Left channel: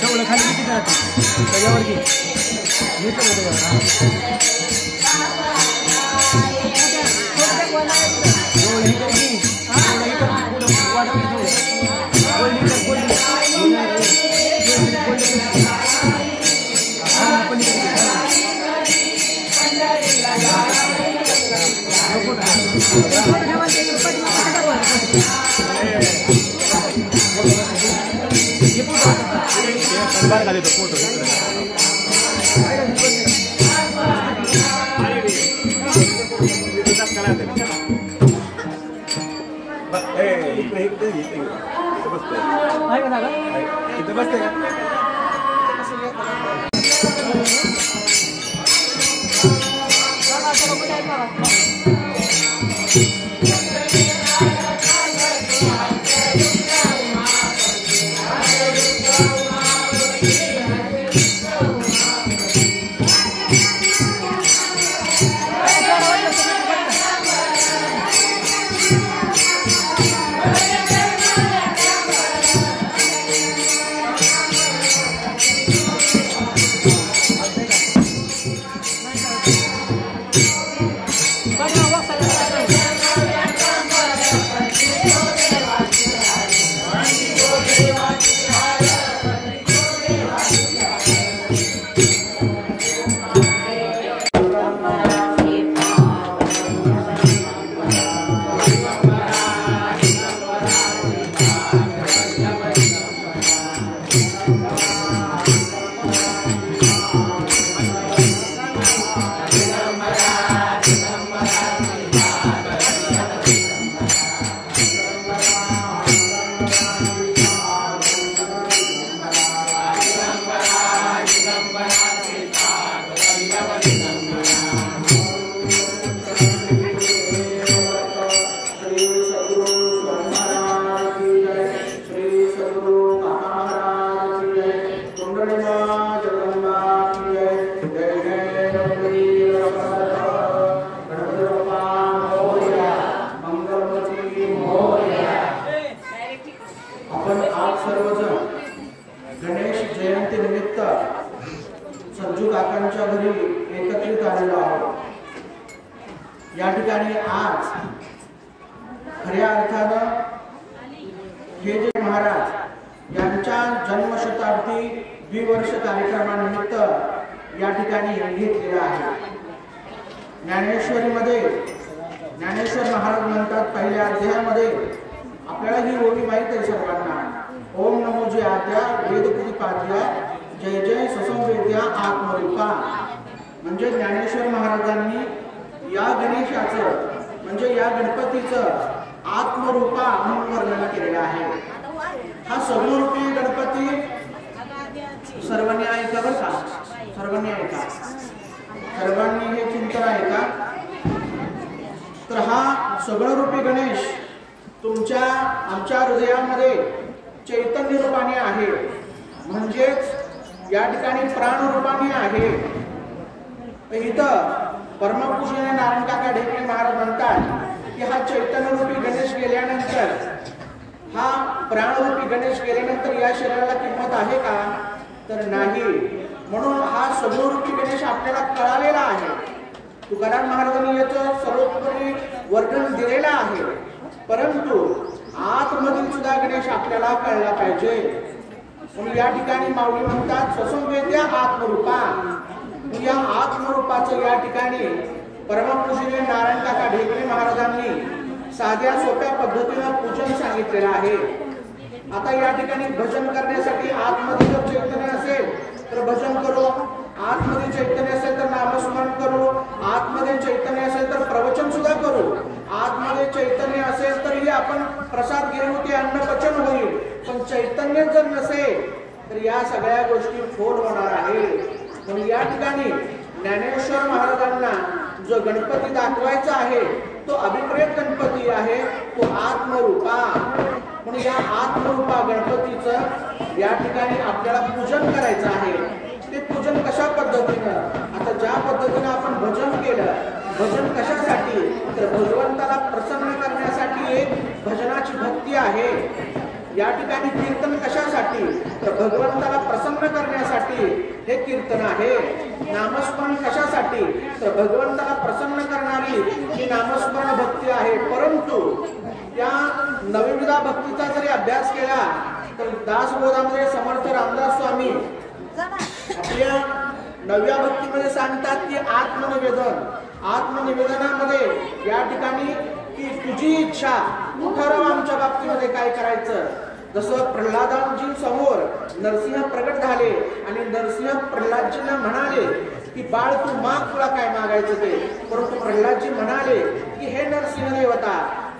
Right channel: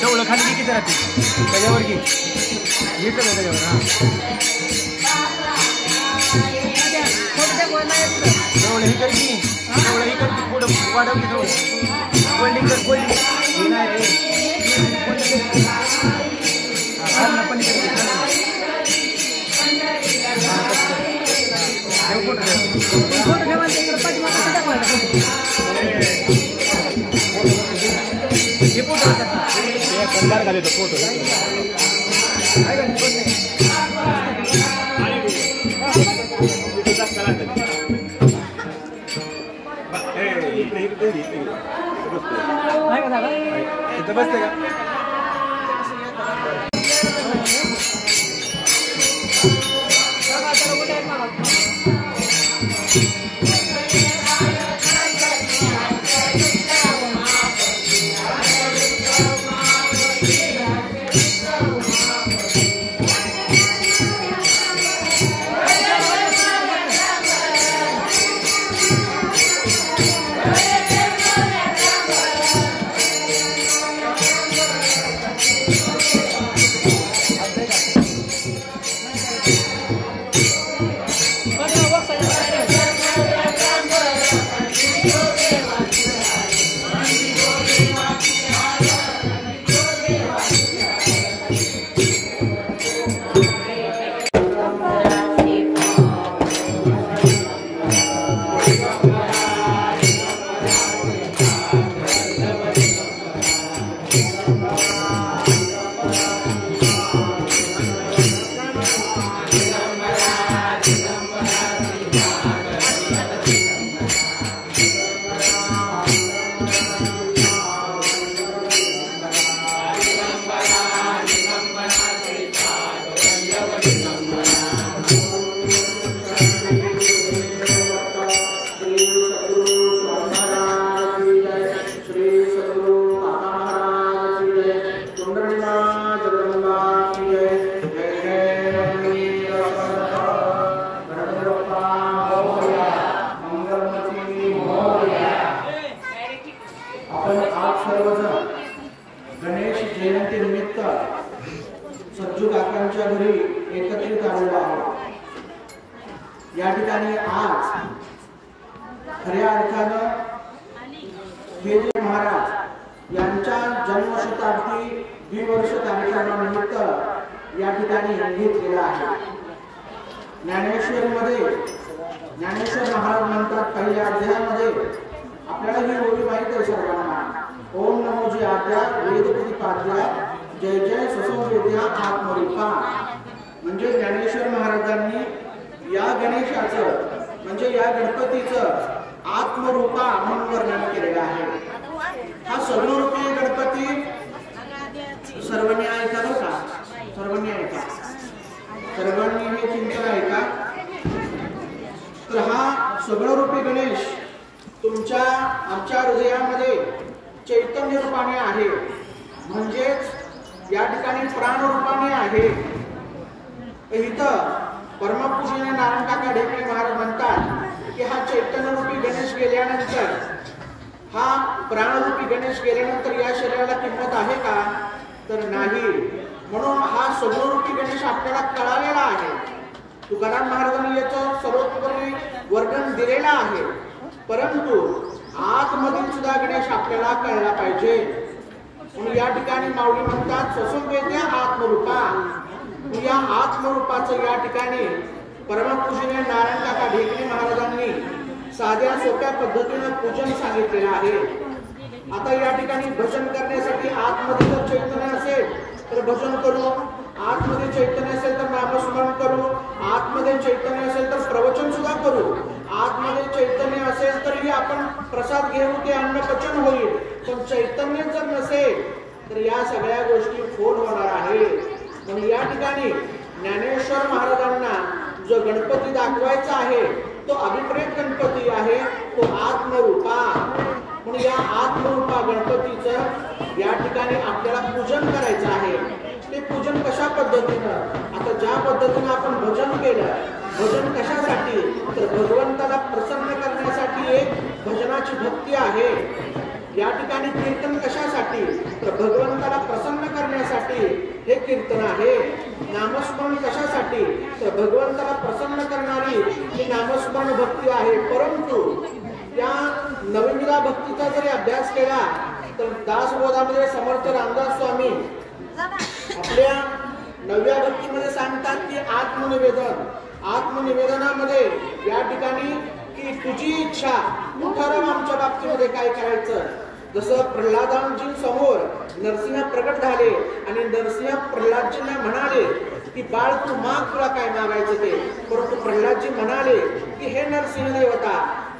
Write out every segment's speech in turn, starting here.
जवळ खाली किती राहते त्याच्यावर घे येत त्याच्यावर जवळ ही कर की जवळ ही कर की पुढं वाढवली जवळ कोल्डिंग कर कोल्डिंग बार का देतो फोटो बसते सज्जू काकांच्या घरी एकत्रित आलेलो आहोत। या ठिकाणी आज खऱ्या अर्थानं हे जे महाराज यांच्या जन्मशताब्दी द्विवर्ष कार्यक्रमानिमित्त या ठिकाणी घेतलेला आहे। ज्ञानेश्वरीमध्ये ज्ञानेश्वर महाराज म्हणतात पहिल्या अध्यायामध्ये, आपल्याला ही ओळी माहित आहे सर्वांना, ओम नमो जी आद्या वेदपुरी पाद्या जय जय ससंवेद्या आत्मरूपा। म्हणजे ज्ञानेश्वर महाराजांनी या गणेशाचं म्हणजे या गणपतीचं आत्मरूपा म्हणून वर्णन केलेलं आहे। हा सर्वरूपी गणपती सर्वांनी ऐका बरं का, सर्वांनी ऐका, सर्वांनी हे चिंतन ऐका। तर हा सगळरूपी गणेश तुमच्या आमच्या हृदयामध्ये चैतन्य रूपाने आहे, म्हणजेच या ठिकाणी प्राण रूपाने आहे। इथं परमपूज्य नारायण काका ढेकळे महाराज म्हणतात की हा चैतन्यरूपी गणेश गेल्यानंतर, हा प्राणरूपी गणेश गेल्यानंतर या शरीराला किंमत आहे का? तर नाही। म्हणून हा सगळरूपी गणेश आपल्याला कळालेला आहे। तुकाराम महाराजांनी याचं सर्वोपरी वर्णन दिलेलं आहे, परंतु आतमधील सुद्धा गणेश आपल्याला कळला पाहिजे। म्हणून या ठिकाणी माऊली म्हणतात ससंवेद्या आत्मरूपा। या आत्मरूपाचं या ठिकाणी परमपूज्य नारायण काका ढेकणे महाराजांनी साध्या सोप्या पद्धतीने पूजन सांगितलेलं आहे। आता या ठिकाणी भजन करण्यासाठी आतमध्ये जर चैतन्य असेल तर भजन करू, आतमध्ये चैतन्य असेल तर नामस्मरण करू, आतमध्ये चैतन्य असेल तर प्रवचन सुद्धा करू, आतमध्ये चैतन्य असेल तरी आपण प्रसाद घेऊ, ते अन्न पचन होईल। पण चैतन्य जर नसेल तर या सगळ्या गोष्टी फोल होणार आहे। म्हणून या ठिकाणी ज्ञानेश्वर महाराजांना जो गणपती दाखवायचा आहे तो अभिप्रेत गणपती आहे, तो आत्मरूपा। म्हणून या आत्मरूपा गणपतीचं या ठिकाणी आपल्याला पूजन करायचं आहे। ते पूजन कशा पद्धतीनं? आता ज्या पद्धतीनं आपण भजन केलं, भजन कशासाठी? तर भगवंताला प्रसन्न करण्यासाठी एक भजनाची भक्ती आहे। या ठिकाणी कीर्तन कशासाठी? तर भगवंताला प्रसन्न करण्यासाठी हे कीर्तन आहे। नामस्मरण कशासाठी? तर भगवंताला प्रसन्न करणारी ही नामस्मरण भक्ती आहे। परंतु त्या नवविधा भक्तीचा जरी अभ्यास केला तर दासबोधामध्ये समर्थ रामदास स्वामी आपल्या नव्या भक्तीमध्ये सांगतात की आत्मनिवेदन, आत्मनिवेदनामध्ये या ठिकाणी की तुझी इच्छा, तू ठरव आमच्या बाबतीमध्ये काय करायचं। जसं प्रल्हादांजी समोर नरसिंह प्रकट झाले आणि नरसिंह प्रल्हादजींना म्हणाले की बाळ तू माग, तुला काय मागायचं ते। परंतु प्रल्हादजी म्हणाले की हे नरसिंह देवता,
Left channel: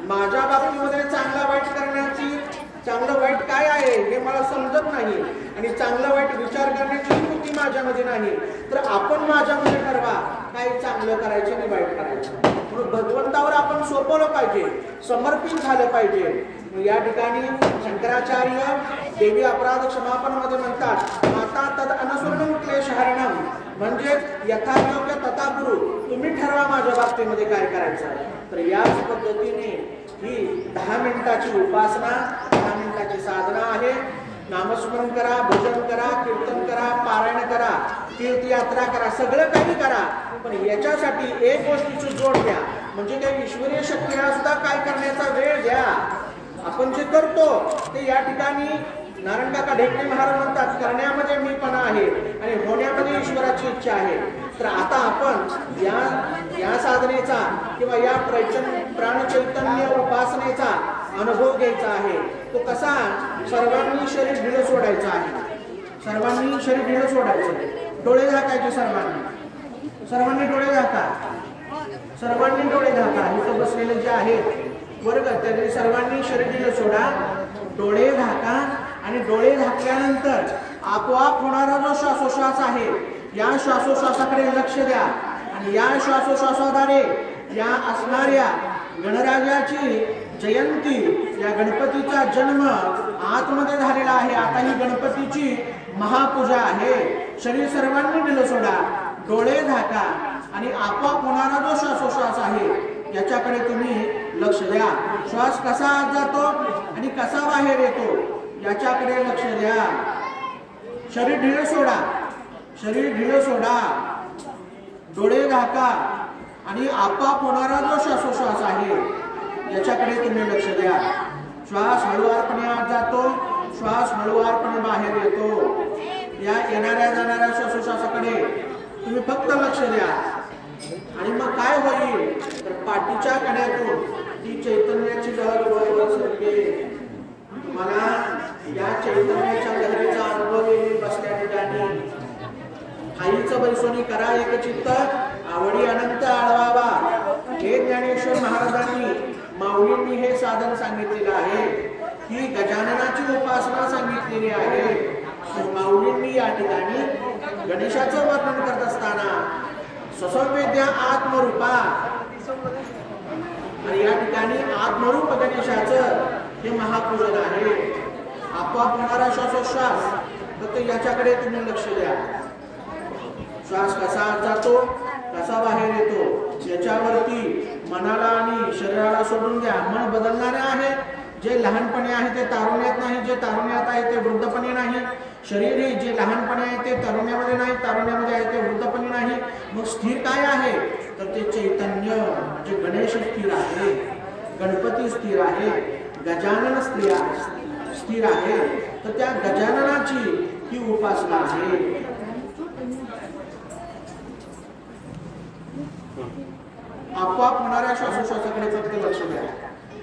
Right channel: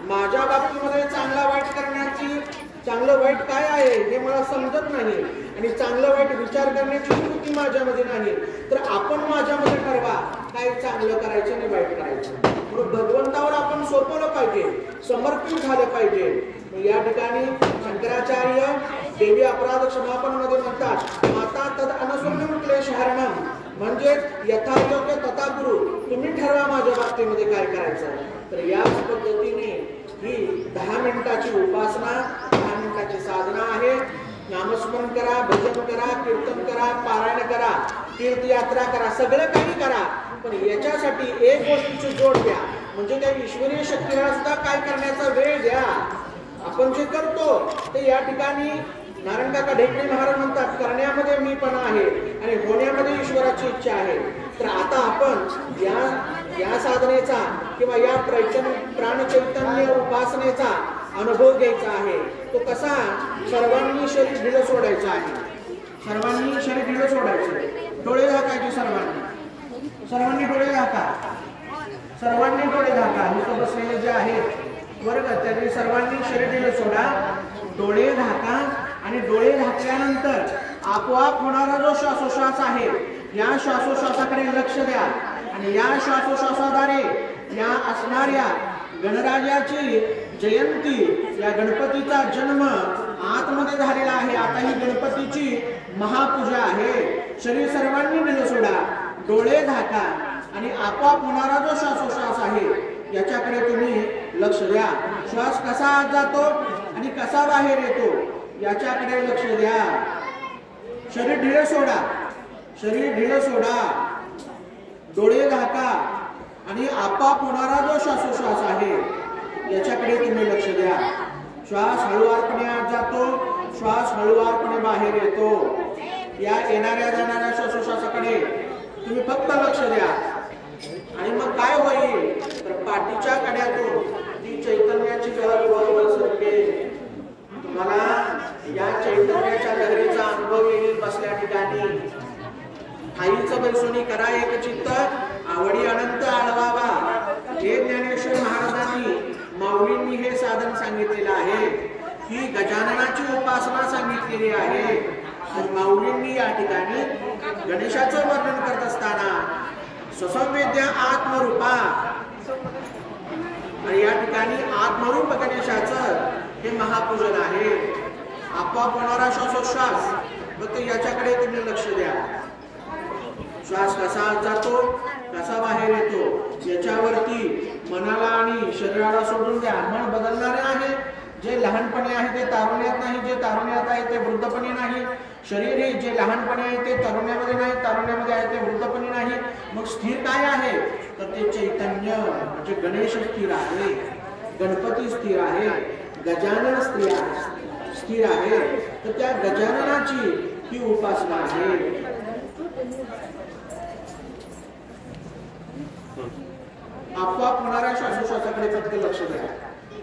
माझ्या बाबतीमध्ये चांगला वाईट करण्याची, चांगलं वाईट काय आहे हे मला समजत नाही आणि चांगलं वाईट विचार करण्याची कृती माझ्यामध्ये नाही, तर आपण माझ्यामध्ये ठरवा काय चांगलं करायचं आणि वाईट करायचं। म्हणून भगवंतावर आपण सोपवलं पाहिजे, समर्पित झालं पाहिजे। या ठिकाणी शंकराचार्य देवी अपराध क्षमापण मध्ये म्हणतात माता तद अनसुन्नम क्लेशहरणम, म्हणजे यथायोग्य तथा गुरु, तुम्ही ठरवा माझ्या बाबतीमध्ये काय करायचं। तर याच पद्धतीने ही 10 मिनिटाची उपासना, 10 मिनिटाची साधना आहे। नामस्मरण करा, भजन करा, कीर्तन करा, पारायण करा, तीर्थयात्रा करा, सगळं काही करा, पण याच्यासाठी एक गोष्टीची जोड द्या, म्हणजे त्या ईश्वरीय शक्तीला सुद्धा काय करण्याचा वेळ द्या। आपण जे करतो ते या ठिकाणी नारायण काका ढेकणे महाराज म्हणतात करण्यामध्ये मीपणा आहे आणि होण्यामध्ये ईश्वराची इच्छा आहे। तर आता आपण या साधनेचा किंवा या प्राणचैतन्य उपासनेचा अनुभव घ्यायचा आहे। तो कसा? सर्वांनी शरीर ढिलं सोडायचं आहे, सर्वांनी शरीर ढिलं सोडायचं, डोळे झाकायचे सर्वांनी डोळे झाका, सर्वांनी डोळे झाका। इथं बसलेले जे आहेत बरं का, तरी सर्वांनी शरीर ढिलं सोडा, डोळे झाका आणि डोळे झाकल्यानंतर आपोआप होणारा जो श्वासोश्वास आहे या श्वासोश्वासाकडे लक्ष द्या आणि या श्वासोश्वासाद्वारे या असणाऱ्या गणराजाची जयंती, या गणपतीचा जन्म आतमध्ये झालेला आहे। आता ही गणपतीची महापूजा आहे। शरीर सर्वांनी ढिलं सोडा, डोळे झाका आणि आपोआप होणारा जो श्वासोश्वास आहे याच्याकडे तुम्ही लक्ष द्या। श्वास कसा आत जातो आणि कसा बाहेर येतो याच्याकडे लक्ष द्या। शरीर ढिलं सोडा, शरीर ढिलं सोडा, डोळे झाका आणि आपोआप होणारा जो श्वासोश्वास आहे याच्याकडे तुम्ही लक्ष द्या. श्वास हळूवारपणे आत जातो, श्वास हळूवारपणे बाहेर येतो. या येणाऱ्या जाणाऱ्या श्वासोश्वासाकडे तुम्ही फक्त लक्ष द्या. आणि मग काय होईल तर पाठीच्या कड्यातून ती चैतन्याची लहर वर सरकते. तुम्हाला या चैतन्याच्या लहरीचा अनुभव येईल बसल्या ठिकाणी. आईचं बैसोनी करा एक चित्त, आवडी अनंत आळवावा. हे ज्ञानेश्वर महाराजांनी माऊलींनी हे साधन सांगितलेलं आहे. ही गजाननाची उपासना सांगितलेली आहे. तर माऊलींनी या ठिकाणी गणेशाचं वर्णन करत असताना स्वसंवेद्या आत्मरूपा आणि या ठिकाणी आत्मरूप गणेशाचं हे महापूजन आहे. आपोआप होणारा श्वासोश्वास फक्त याच्याकडे तुम्ही लक्ष द्या. श्वास कसा आत जातो, कसा बाहेर येतो याच्यावरती मनाला आणि शरीराला सोडून द्या. मन बदलणारे आहे. जे लहानपणी आहे ते तारुण्यात नाही, जे तारुण्यात आहे ते वृद्धपणी नाही. शरीर हे जे लहानपणी आहे ते तारुण्यामध्ये नाही, तारुण्यामध्ये आहे ते वृद्धपणी नाही. मग स्थिर काय आहे तर ते चैतन्य म्हणजे गणेश स्थिर आहे, गणपती स्थिर आहे, गजानन स्थिर आहे. तर त्या गजाननाची ही उपासना आहे. आपोआप होणाऱ्या श्वासोश्वासाकडे फक्त लक्ष द्या.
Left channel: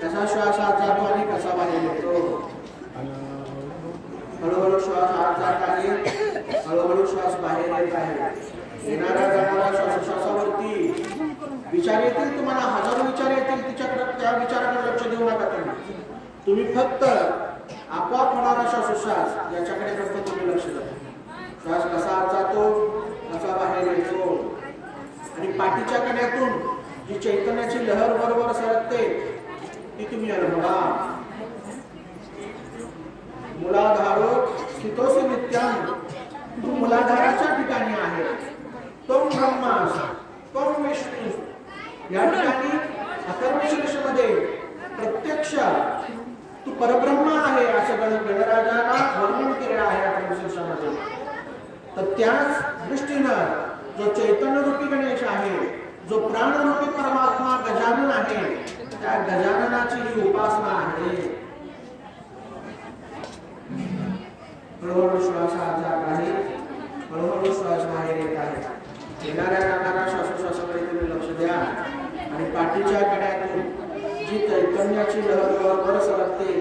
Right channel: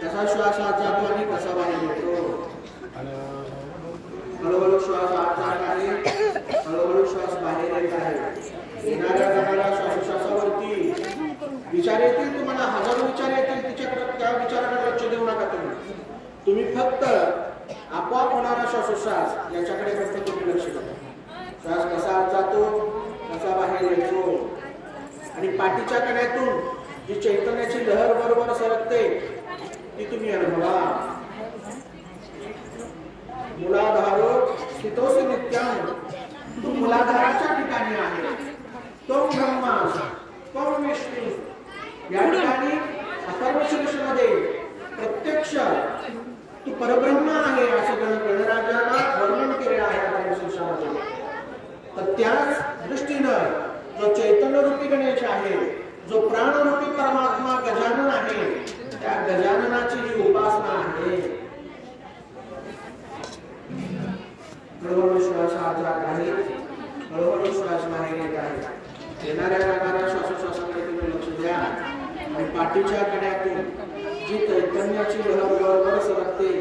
कसा श्वास आत जातो आणि कसा बाहेर येतो. हळूहळू श्वास आत जात आहे, हळूहळू श्वास बाहेर येत आहे. येणाऱ्या जाणाऱ्या श्वासोश्वासावरती विचार येतील, तुम्हाला हजारो विचार येतील. त्या विचाराकडे लक्ष देऊ नका. तुम्ही फक्त आपोआप होणारा श्वासोश्वास याच्याकडे फक्त तुम्ही लक्ष द्या. श्वास कसा आत जातो, कसा बाहेर येतो. आणि पाठीच्या कड्यातून जी चैतन्याची लहर बरोबर सरकते ती तुम्ही अनुभवा. मुलाधारो स्थितोसी नित्यं. तू मुलाधाराच्या ठिकाणी आहे. तो ब्रह्मा, तो विष्णू. या ठिकाणी अथर्वशीर्षमध्ये प्रत्यक्ष तू परब्रह्म आहे असं गणराजाला वर्णन केलेलं आहे अथर्वशीर्षामध्ये. तर त्याच दृष्टीनं जो चैतन्यरूपी गणेश आहे, जो प्राणरूपी परमात्मा गजानन आहे, त्या गजाननाची ही उपासना आहे. हळूहळू श्वास आत जात आहे, हळूहळू श्वास बाहेर येत आहे. येणाऱ्या जाणाऱ्या श्वासोश्वासाकडे तुम्ही लक्ष द्या. आणि पाठीच्या कड्यातून जी चैतन्याची लहर बरोबर सरकते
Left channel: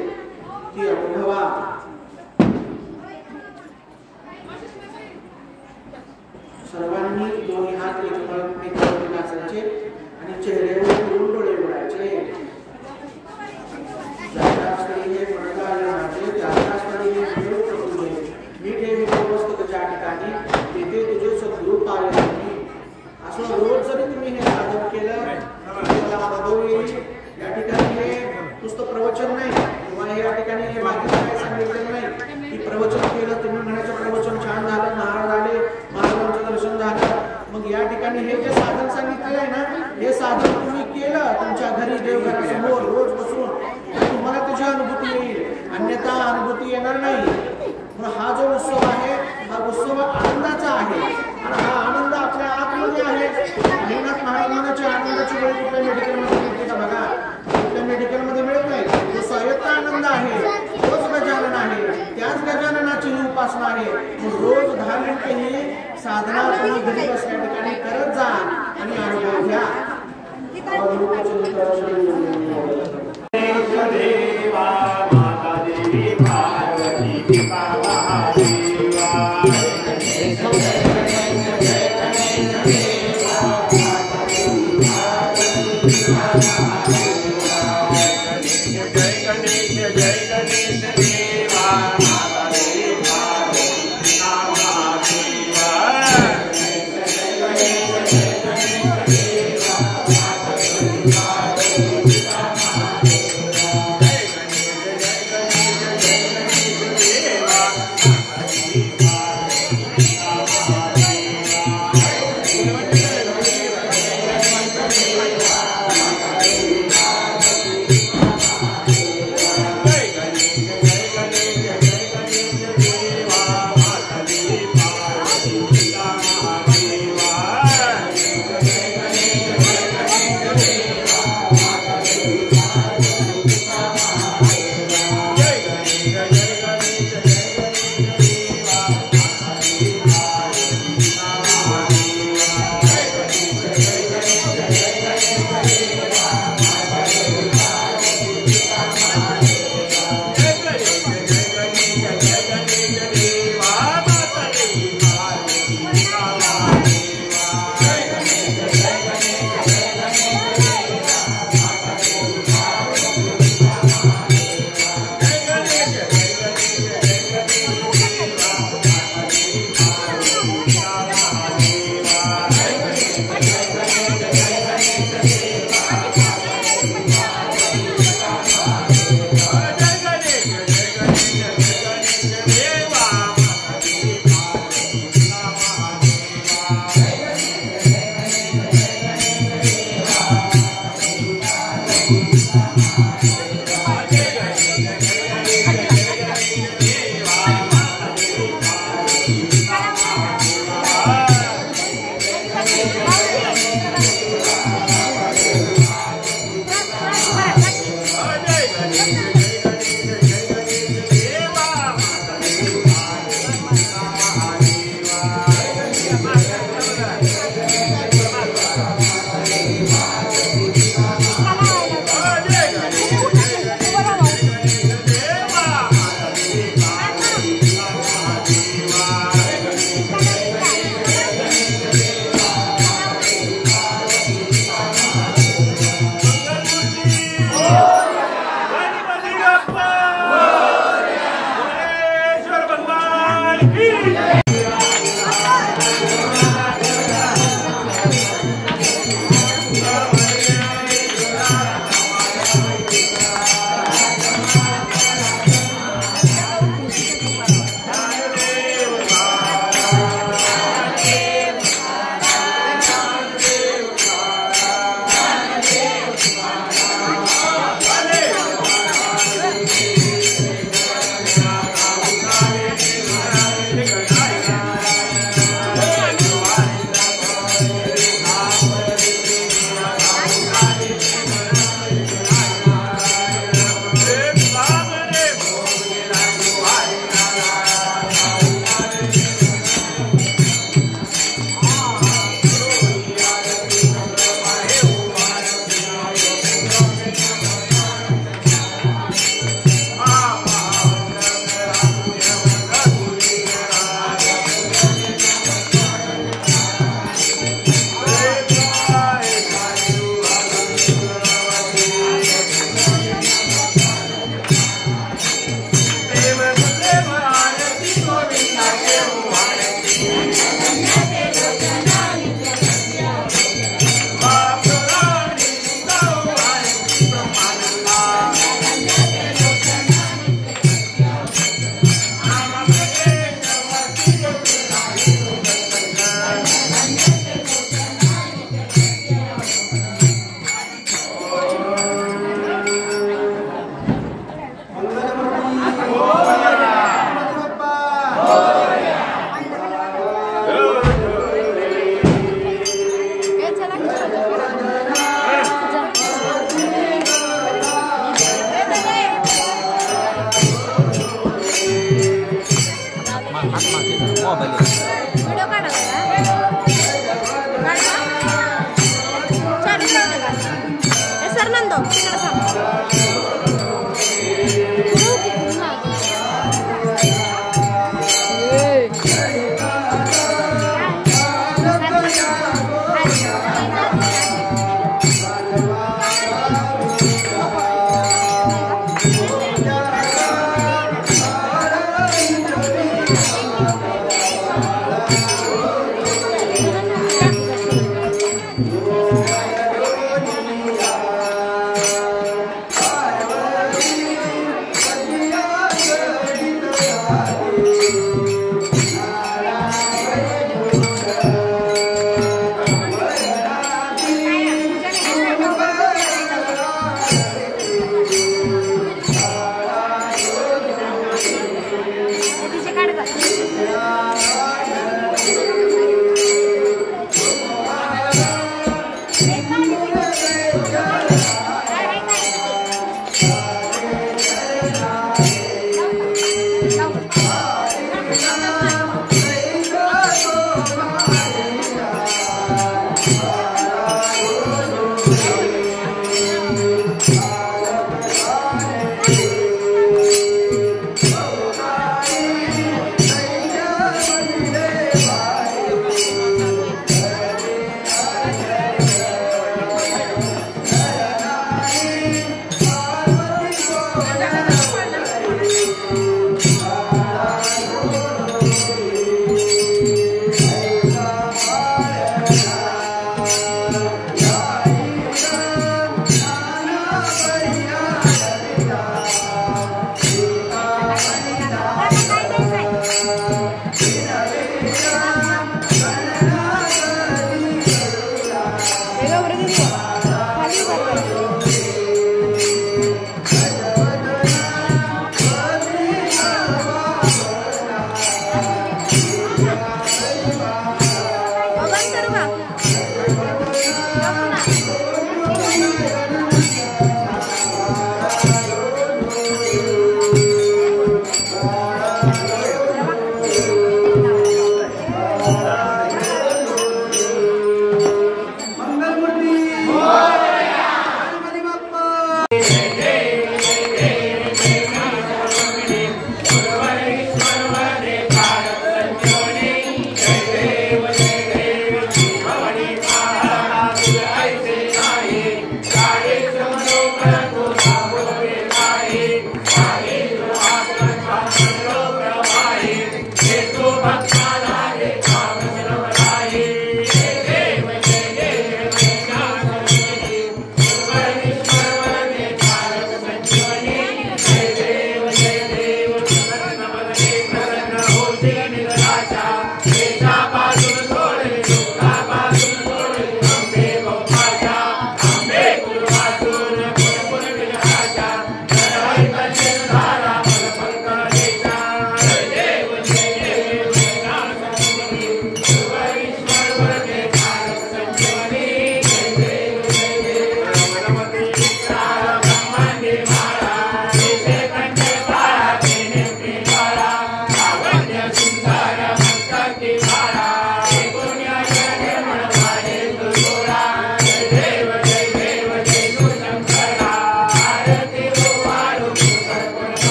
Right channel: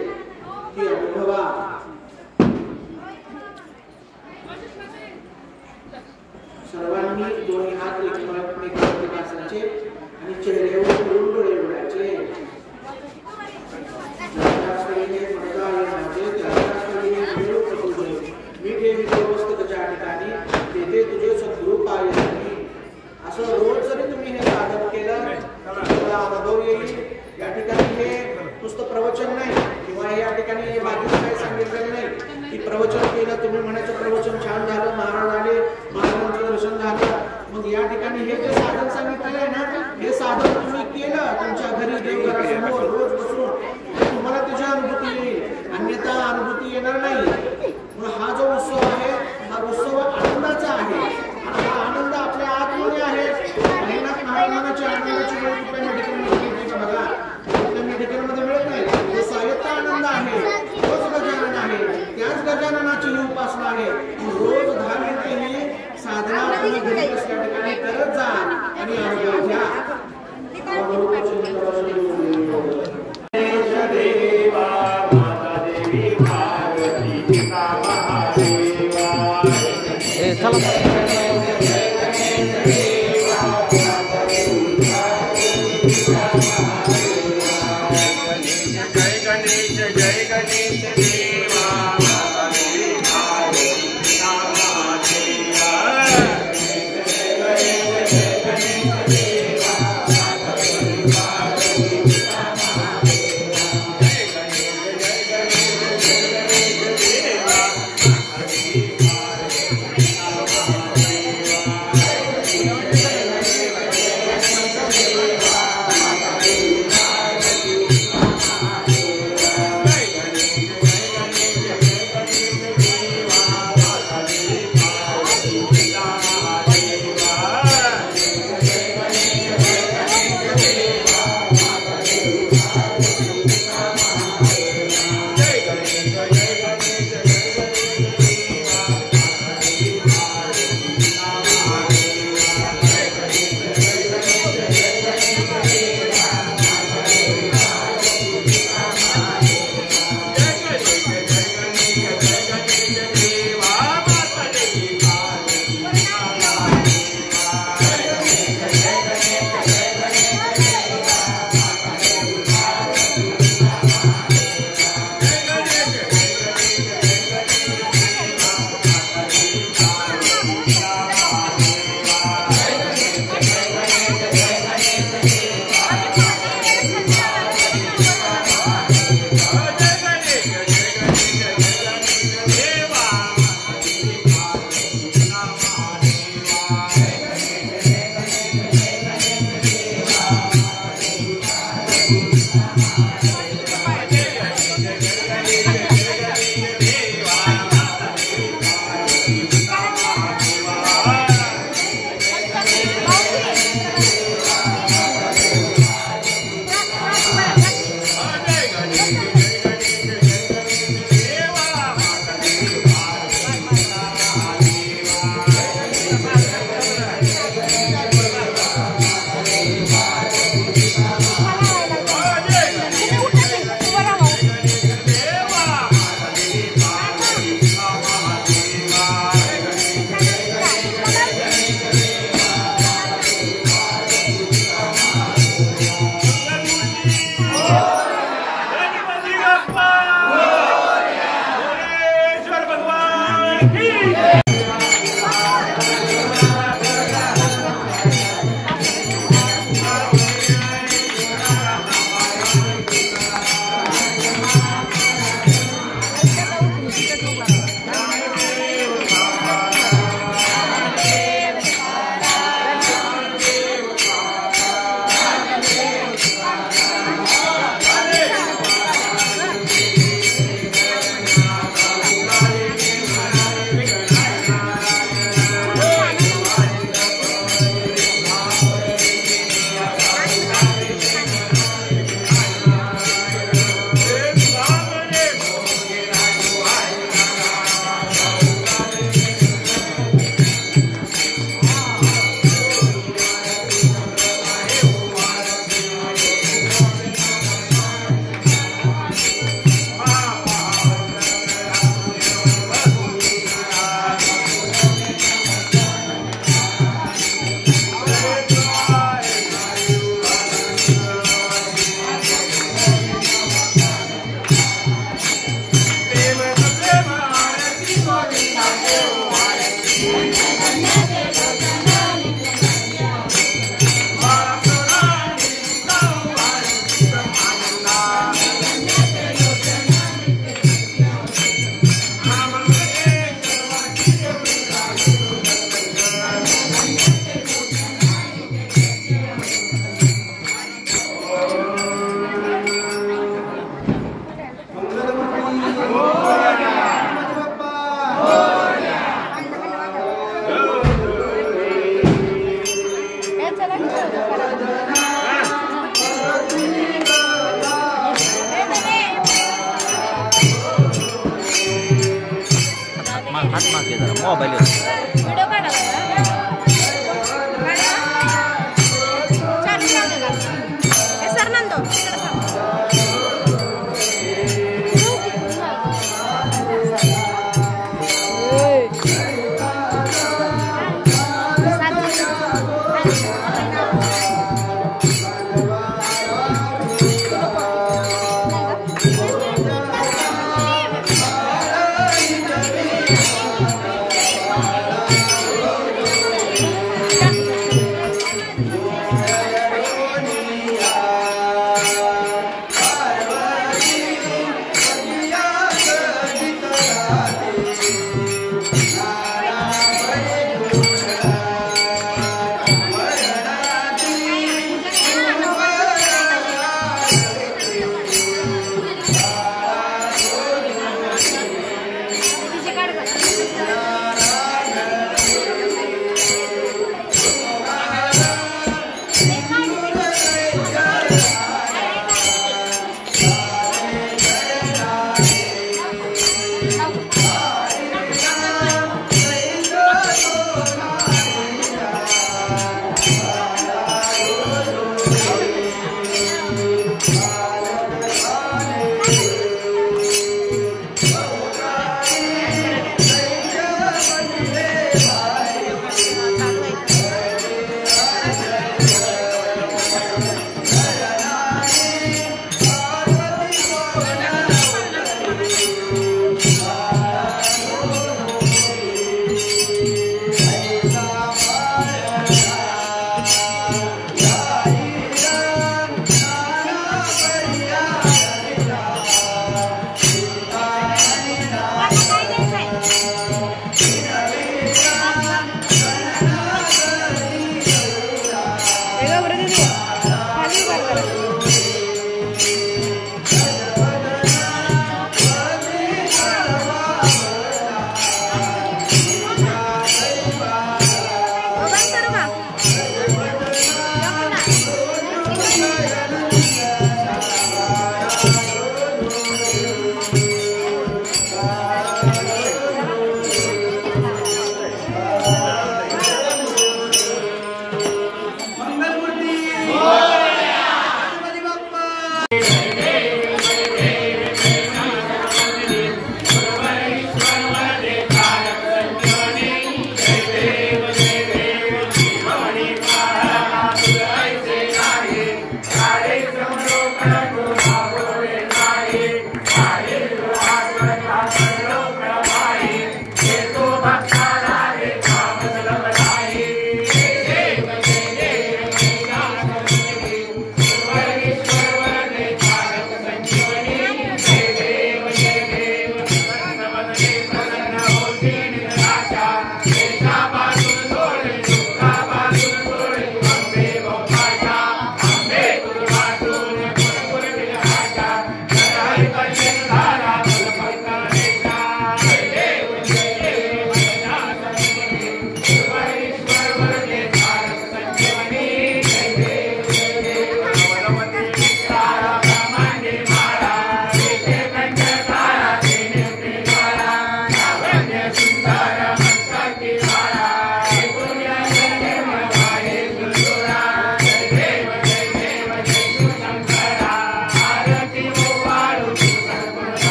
ती अनुभवा. सर्वांनी दोन्ही हात एकमेकांवर असायचे आणि चेहऱ्यावर डोळे उडायचे. असं रोज जरी तुम्ही हे साधन केलं तुम्हाला अनुभव येईल. या ठिकाणी हे नुसतं प्रवचन नाही किंवा या ठिकाणी हे बाकीचं काही सांगितलेलं नाही की प्रवचन केलं तुम्ही म्हणायचं प्रवचन छान झालं, महाराज आले, महाराजांचं दर्शन झालं. मग या ठिकाणी हे जे साधन सांगितले आहे ना, हे साधन तुम्ही केलं तुमच्या घरी देवघरासमोर रोज बसून तुम्हाला त्याची अनुभूती येईल, अन्यथा अनुभूती येणार नाही. मग हा जो उत्सव आहे हा उत्सव आनंदाचा आहे आणि हा आनंद आपल्या आतमध्ये आहे. महिनाथ महाराजांच्या आनंदाची वेळ कुठल्या मेडिकलमध्ये मिळते का बघा, कुठल्या मेडिकलमध्ये मिळत नाही. जो स्वायत्त आनंद आहे तोच गजानन आहे. त्याच गजाननाची ही उपासना आहे. रोज 10 मिनिटे ही साधना तुम्ही घरी बसल्या ठिकाणी करत जा आणि अनुभव घ्या.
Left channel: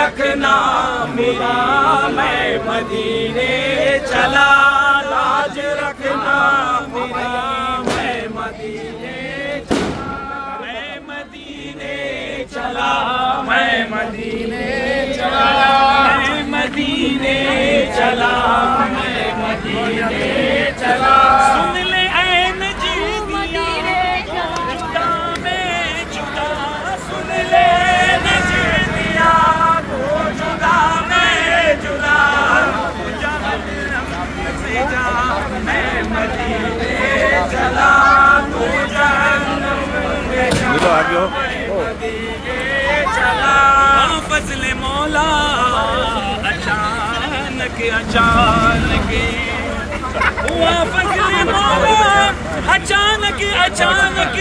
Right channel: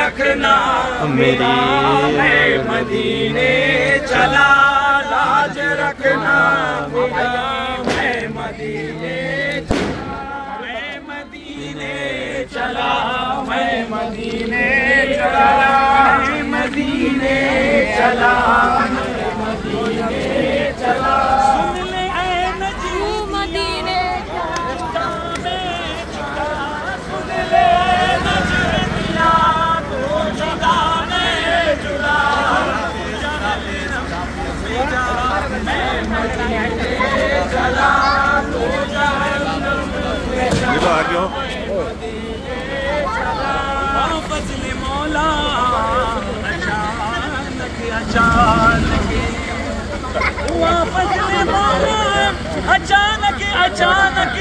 रखना मेरा मैं मदीने चला लाज रखना मेरा मैं मदीने चला मैं मदीने चला मैं मदीने चला मैं मदीने चला सुन ले ऐ नजीब मदीने अचानक हुआ फजल मौला, अचानक अचानक